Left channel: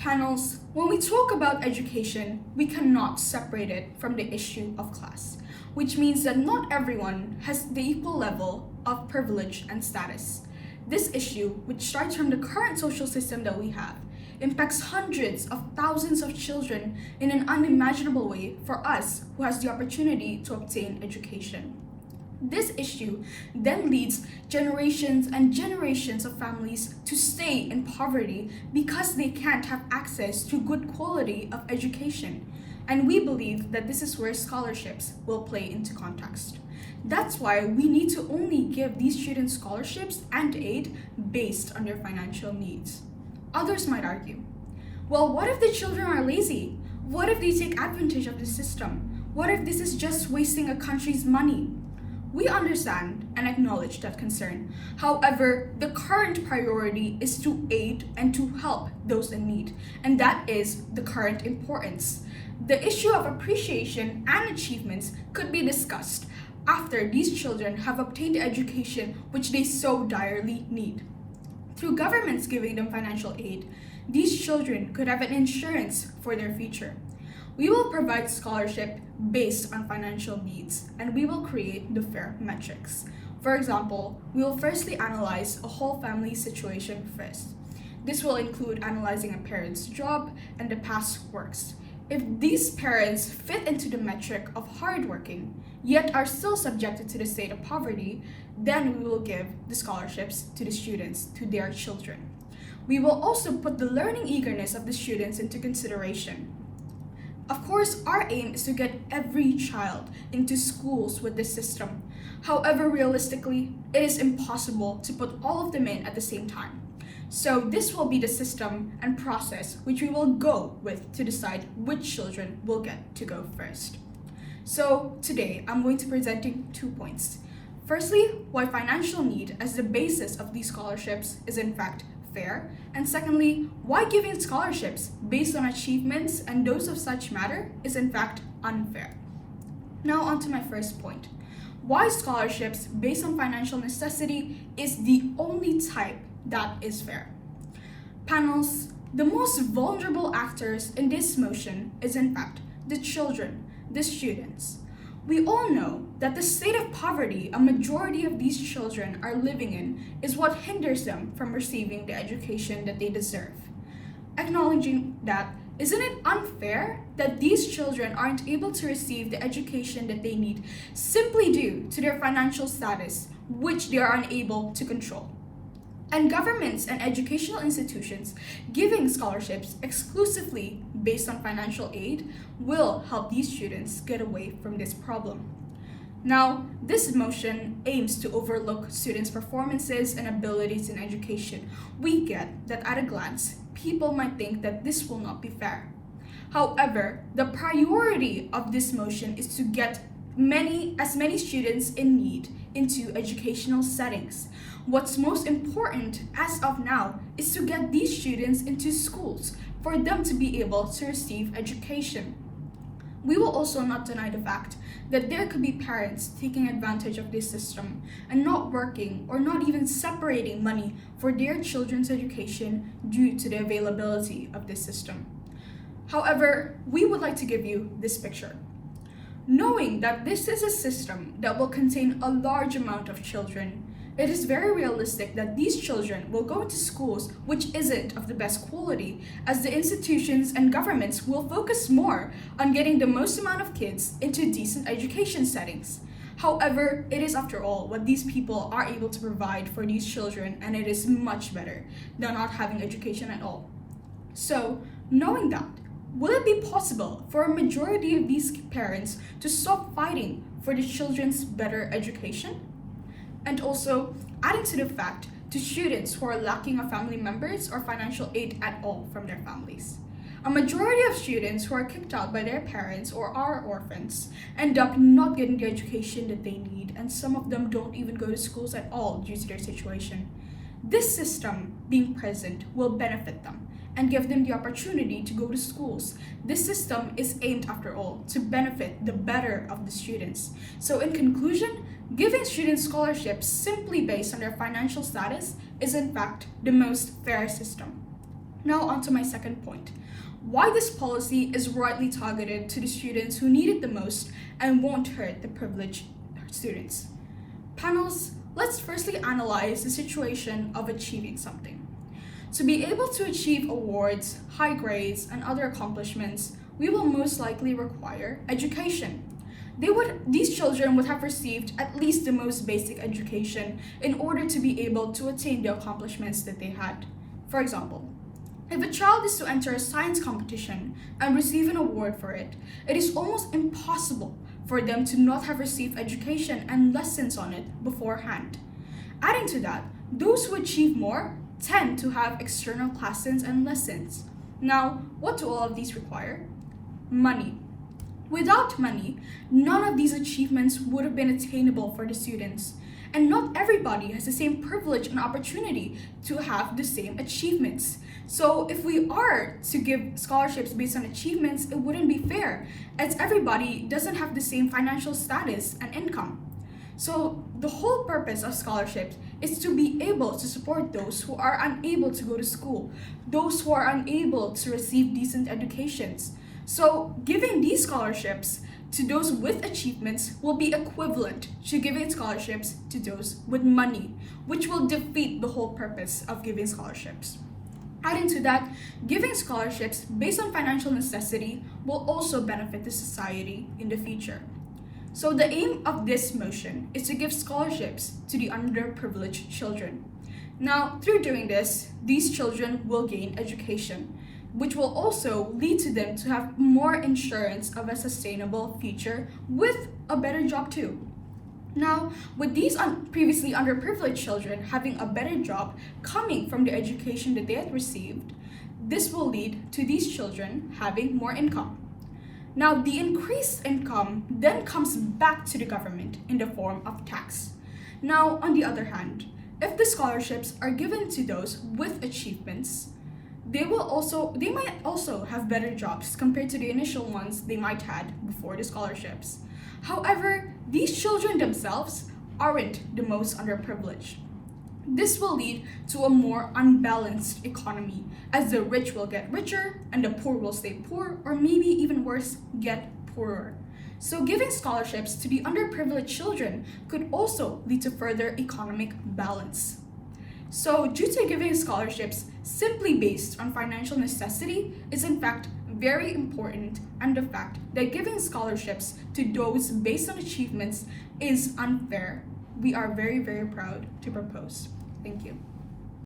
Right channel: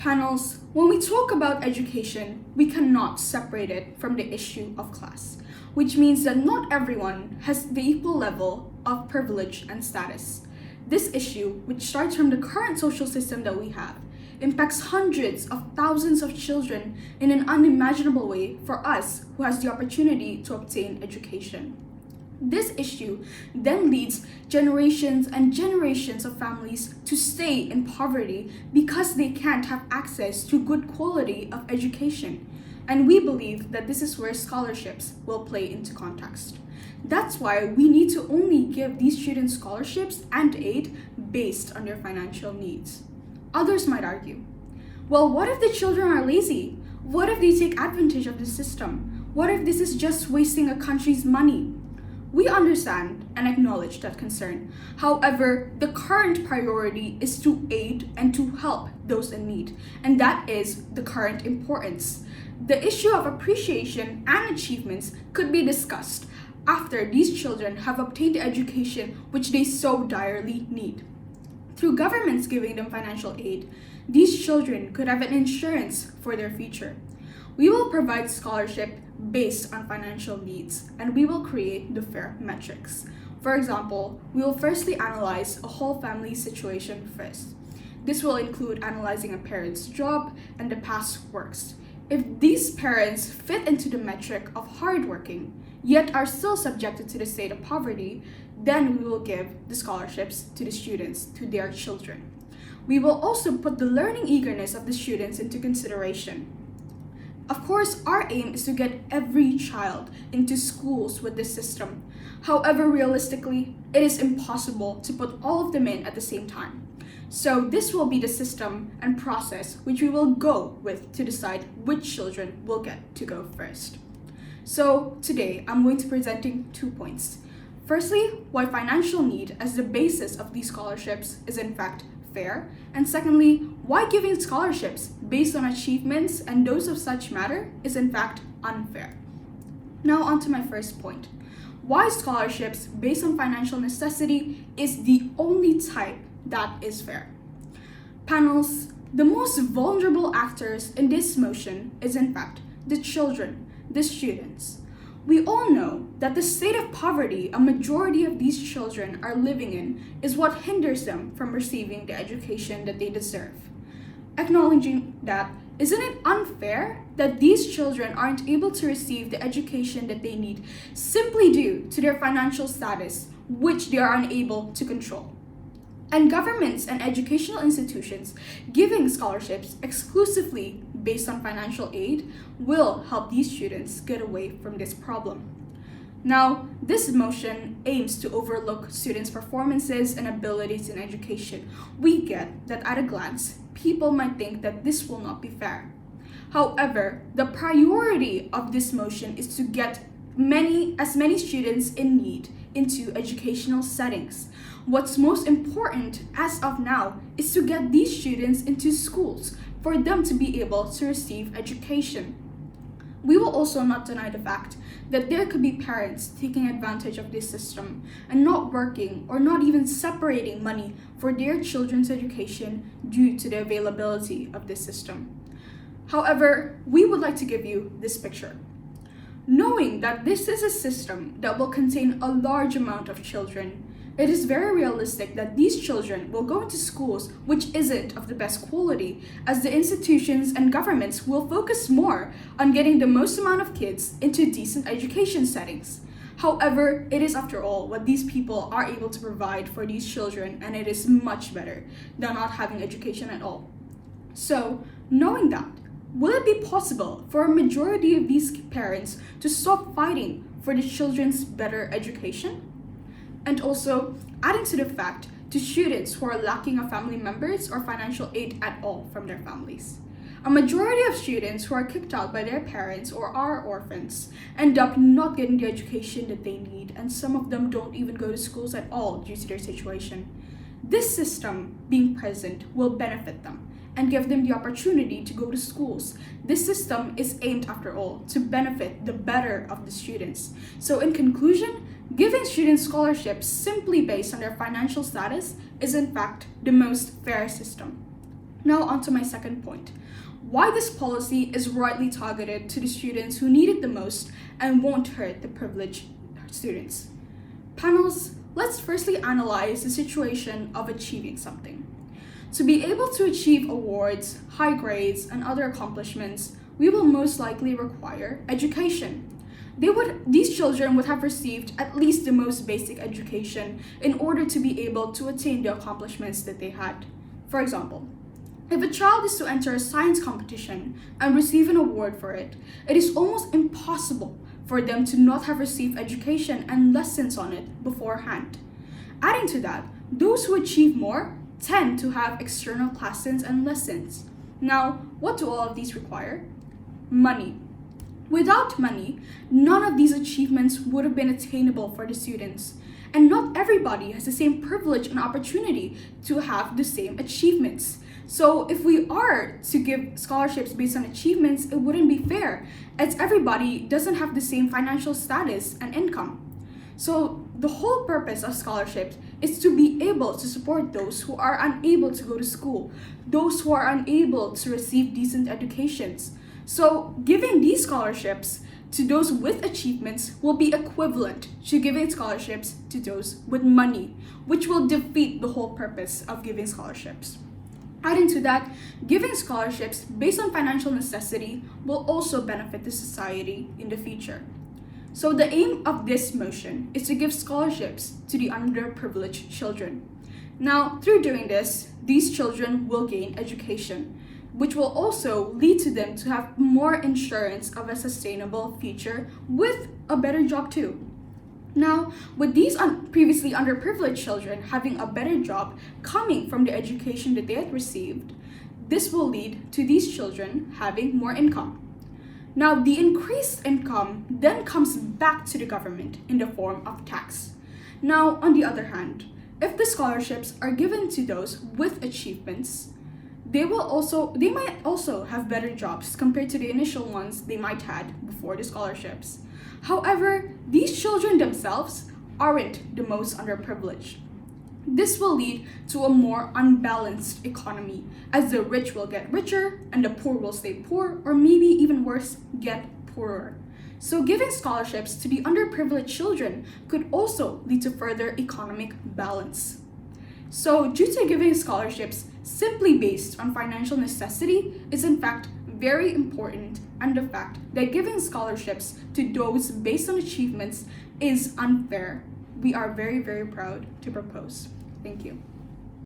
Panels, when we talk about education, we cannot separate it from the issue of class, which means that not everyone has the equal level of privilege and status. This issue, which starts from the current social system that we have, impacts hundreds of thousands of children in an unimaginable way for us who has the opportunity to obtain education. This issue then leads generations and generations of families to stay in poverty because they can't have access to good quality of education. And we believe that this is where scholarships will play into context. That's why we need to only give these students scholarships and aid based on their financial needs. Others might argue, well, what if the children are lazy? What if they take advantage of the system? What if this is just wasting a country's money? We understand and acknowledge that concern. However, the current priority is to aid and to help those in need, and that is the current importance. The issue of appreciation and achievements could be discussed after these children have obtained the education which they so direly need. Through governments giving them financial aid, these children could have an insurance for their future. We will provide scholarship based on financial needs, and we will create the fair metrics. For example, we will firstly analyze a whole family situation first. This will include analyzing a parent's job and the past works. If these parents fit into the metric of hardworking, yet are still subjected to the state of poverty, then we will give the scholarships to the students, to their children. We will also put the learning eagerness of the students into consideration. Of course, our aim is to get every child into schools with this system. However, realistically, it is impossible to put all of them in at the same time. So this will be the system and process which we will go with to decide which children will get to go first. So today, I'm going to be presenting 2 points. Firstly, why financial need as the basis of these scholarships is in fact fair, and secondly, why giving scholarships based on achievements and those of such matter is in fact unfair. Now on to my first point. Why scholarships based on financial necessity is the only type that is fair. Panels, the most vulnerable actors in this motion is in fact the children, the students. We all know that the state of poverty a majority of these children are living in is what hinders them from receiving the education that they deserve. Acknowledging that, isn't it unfair that these children aren't able to receive the education that they need simply due to their financial status, which they are unable to control? And governments and educational institutions giving scholarships exclusively based on financial aid will help these students get away from this problem. Now, this motion aims to overlook students' performances and abilities in education. We get that at a glance, people might think that this will not be fair. However, the priority of this motion is to get as many students in need into educational settings. What's most important as of now is to get these students into schools for them to be able to receive education. We will also not deny the fact that there could be parents taking advantage of this system and not working or not even separating money for their children's education due to the availability of this system. However, we would like to give you this picture. Knowing that this is a system that will contain a large amount of children, it is very realistic that these children will go into schools which isn't of the best quality, as the institutions and governments will focus more on getting the most amount of kids into decent education settings. However, it is after all what these people are able to provide for these children, and it is much better than not having education at all. So, knowing that, will it be possible for a majority of these parents to stop fighting for the children's better education? And also, adding to the fact to students who are lacking of family members or financial aid at all from their families. A majority of students who are kicked out by their parents or are orphans end up not getting the education that they need, and some of them don't even go to schools at all due to their situation. This system being present will benefit them and give them the opportunity to go to schools. This system is aimed, after all, to benefit the better of the students. So in conclusion, giving students scholarships simply based on their financial status is in fact the most fair system. Now on to my second point. Why this policy is rightly targeted to the students who need it the most and won't hurt the privileged students. Panels, let's firstly analyze the situation of achieving something. To be able to achieve awards, high grades, and other accomplishments, we will most likely require education. These children would have received at least the most basic education in order to be able to attain the accomplishments that they had. For example, if a child is to enter a science competition and receive an award for it, it is almost impossible for them to not have received education and lessons on it beforehand. Adding to that, those who achieve more tend to have external classes and lessons. Now, what do all of these require? Money. Without money, none of these achievements would have been attainable for the students. And not everybody has the same privilege and opportunity to have the same achievements. So if we are to give scholarships based on achievements, it wouldn't be fair, as everybody doesn't have the same financial status and income. So the whole purpose of scholarships is to be able to support those who are unable to go to school, those who are unable to receive decent educations. So giving these scholarships to those with achievements will be equivalent to giving scholarships to those with money, which will defeat the whole purpose of giving scholarships. Adding to that, giving scholarships based on financial necessity will also benefit the society in the future. So the aim of this motion is to give scholarships to the underprivileged children. Now, through doing this, these children will gain education, which will also lead to them to have more insurance of a sustainable future with a better job too. Now, with these previously underprivileged children having a better job coming from the education that they had received, this will lead to these children having more income. Now, the increased income then comes back to the government in the form of tax. Now, on the other hand, if the scholarships are given to those with achievements, they might also have better jobs compared to the initial ones they might had before the scholarships. However, these children themselves aren't the most underprivileged. This will lead to a more unbalanced economy, as the rich will get richer and the poor will stay poor, or maybe even worse, get poorer. So giving scholarships to the underprivileged children could also lead to further economic balance. So due to giving scholarships simply based on financial necessity is in fact very important, and the fact that giving scholarships to those based on achievements is unfair, we are very, very proud to propose. Thank you.